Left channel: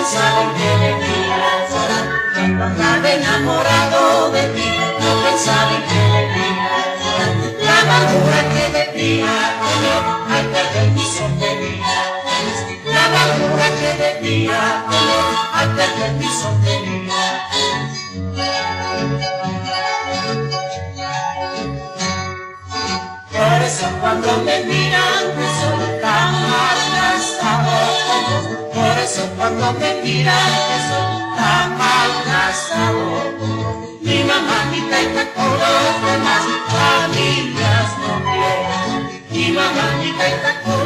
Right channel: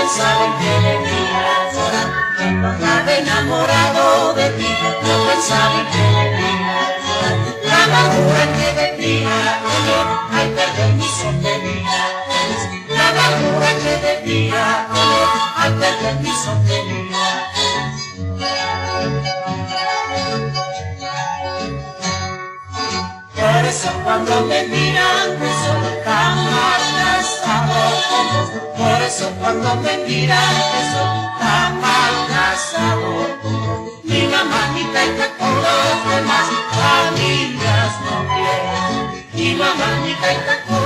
pensaba que venías, cuando andaba enamorado de ti, no pensaba que venías. La madura que venía, ay, permiso tenía. La madura que venía, ay, permiso tenía. Por eso cuando me miran me son tan malgastados. Por eso cuando me miran me son tan malgastados. Mi mamá ni venga con los demás, las niñas no quieren. Mi mamá ni venga con